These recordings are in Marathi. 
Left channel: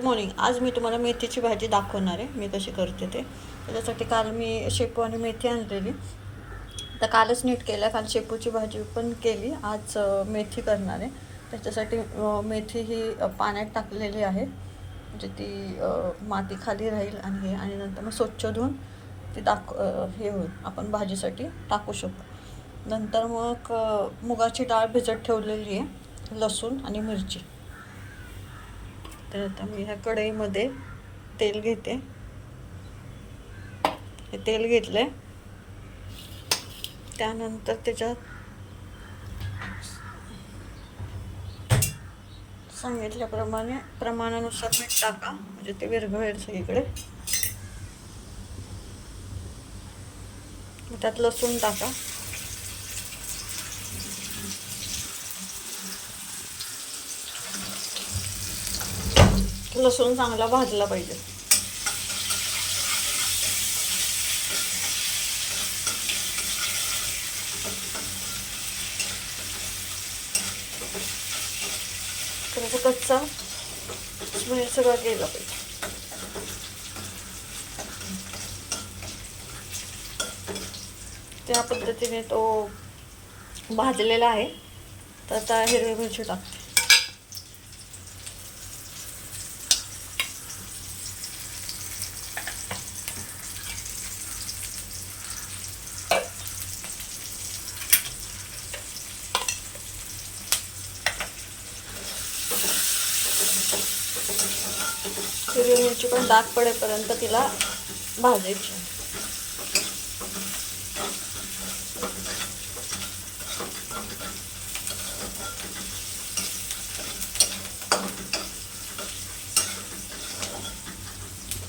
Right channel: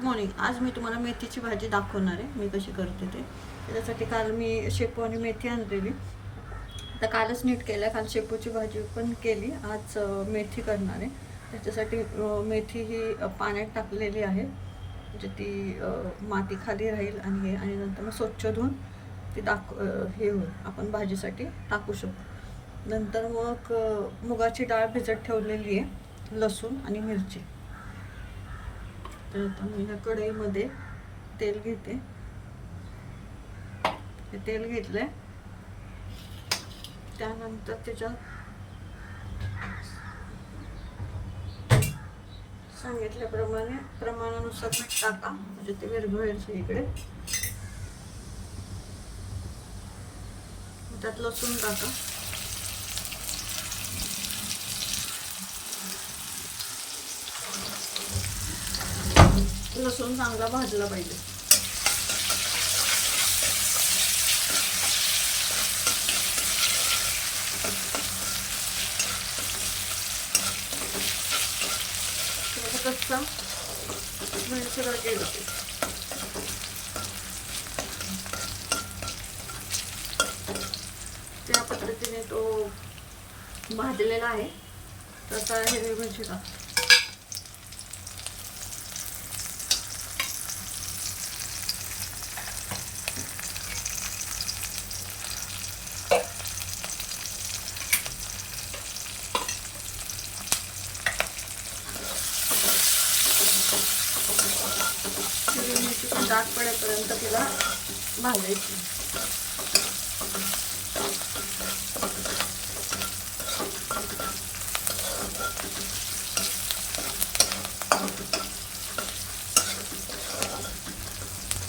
Good morning. आज मी तुम्हाला मेथीची भाजी दाखवणार आहे, मी कशी करते ते. त्याच्यासाठी काल मी शेपू आणि मेथी आणलेली, तर कालच नीट केलं. काल शेपूची भाजी पण केली, आज मेथी करणार आहे. त्याच्यासाठी मेथी ही पाण्यात टाकलेली आहे, म्हणजे ती माती खाली राहील आणि नंतर मग स्वच्छ धुवून ती हे होईल, आपण भाजीसाठी टाकू शकतो. नंतर मग मुगाची डाळ भिजत ठेवलेली आहे, लसूण आणि मिरची. तर आता मी ह्या कढईमध्ये तेल घेते. हे तेल घेतलंय, त्यानंतर त्याच्यात सांगितल्याप्रमाणे प्रमाणानुसार मीठ टाका, म्हणजे ते विरघळेल सगळीकडे. त्यात लसूण टाका. लसूण चांगला भाजला पाहिजे. तर कच्चा स्मेल सगळा गेला पाहिजे. त्या पद्धतीने तो भाजलेला आहे. तर आता हिरवी मिरची टाकते. हिरवी मिरची पण डाग पडेपर्यंत तिला भाजायची.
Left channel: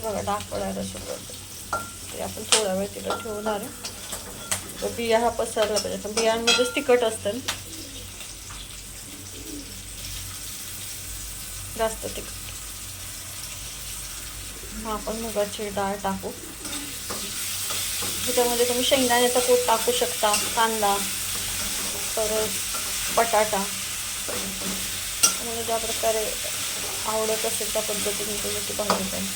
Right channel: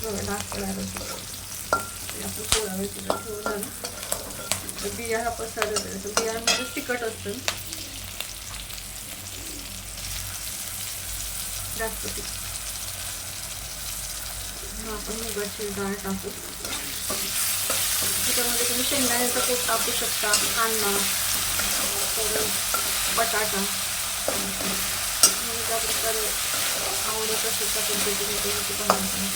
बघा, डाग पडायला सुरुवात. आपण थोडा वेळ तिला ठेवणार. तर बिया हा पसरला पाहिजे. बियांमध्येच तिखट असतं, जास्त तिखट. मग आपण मुगाची डाळ टाकू. त्याच्यामध्ये तुम्ही शेंगदाण्याचा कूट टाकू शकता, कांदा, परत बटाटा. मला ज्या प्रकारे आवडत असेल त्या पद्धतीने तुम्ही ती भाजी करा.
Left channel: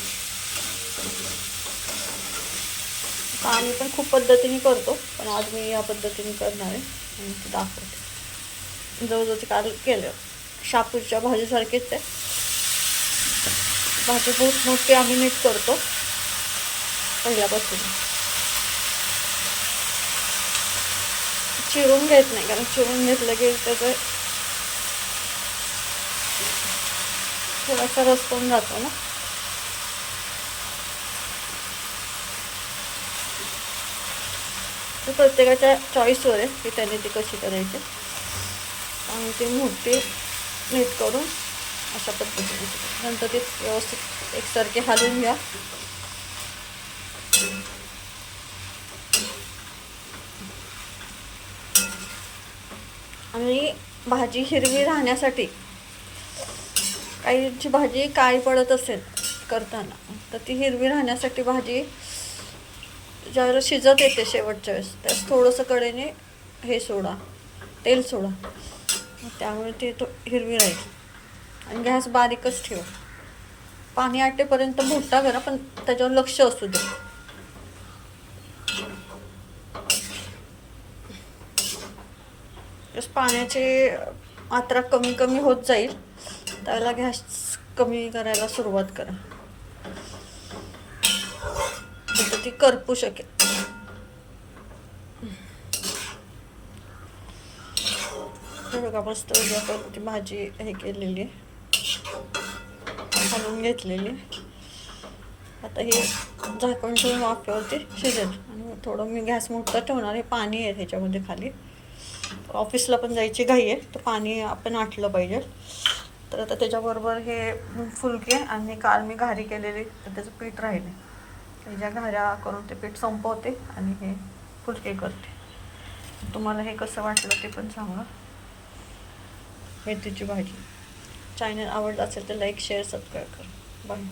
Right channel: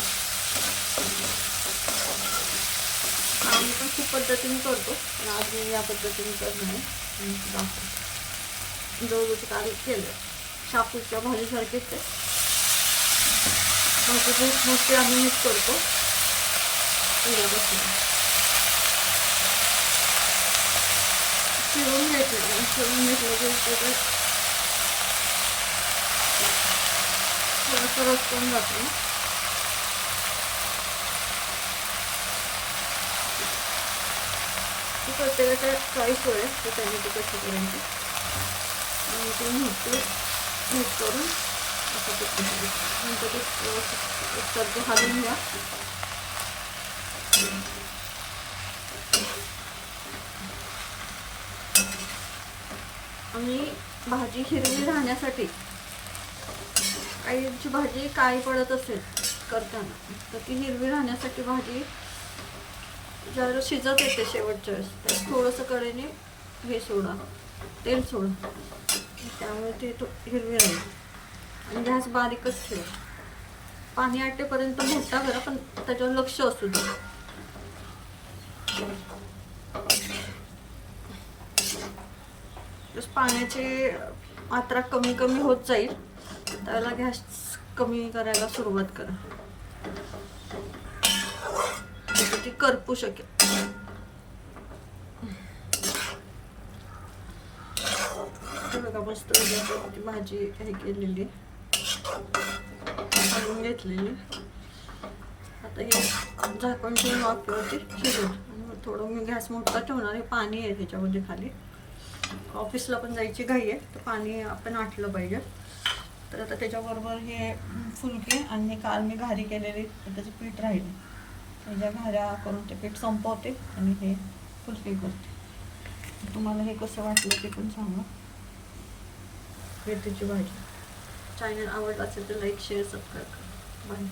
आम्ही पण खूप पद्धतीने करतो, पण आज मी या पद्धतीने करणार आहे, दाखवते. जवळजवळची काल केलं. शापूच्या भाजीसारखीच आहे भाजी. खूप मोठी आम्ही नीट करतो पहिल्यापासून. चिरून घेत नाही, कारण चिरून घेतलं की त्याचं थोडासा रस पण जातो ना. ती प्रत्येकाच्या चॉईसवर आहे की त्यांनी ती कशी करायची. आणि ती मोठी नीट करून अशा पद्धतीने नंतर ती व्यवस्थित एकसारखी हलवून घ्या. आणि भाजी हिरवी राहण्यासाठी, काहीची भाजी काळी पडत असेल करताना, तर ती हिरवी राहण्यासाठी भाजी ज्यावेळेला शिजत येते शेवटच्या वेळेस, त्यास थोडंसं कडेने हे सोडा, तेल सोडा, त्यामुळे ती हिरवी राहील. आणि गॅस बारीकच ठेवा. पाणी आटेपर्यंत मोठा करा, पण त्याच्यावर लक्ष असू दे. पाण्याची मात्रा कमी कमी होत जाईल, त्याला गॅस कमी करायला सुरुवात करा, तर ती करपू शकेल. हे बघा, मस्त आपण ती भाजी हे केलेली, हलवून घेतलेली. आता हे झाकण ठेवून वाफेवरती शिजेल. आणि थोडं मी गॅस मोठा ठेवणार. हे पाणी आहे त्याच्यामध्ये खाली, ऑफिसला पण जायची घाई आहे, तर पाणी आपण आटलं पाहिजे. तर आता त्याच्याबरोबर हे फुलके आणि काल मी घारी केलेली, तर त्याचं पीठ राहिलं, त्याच्या घाऱ्या करून ते पीठ संपवते आणि हे फुलके करते. तुम्हाला हे कसं वाटलं ते पण सांगा. मेथीची भाजी. चॅनल आवडला असेल तर लाईक, शेअर, सबस्क्राईब करा. बाय.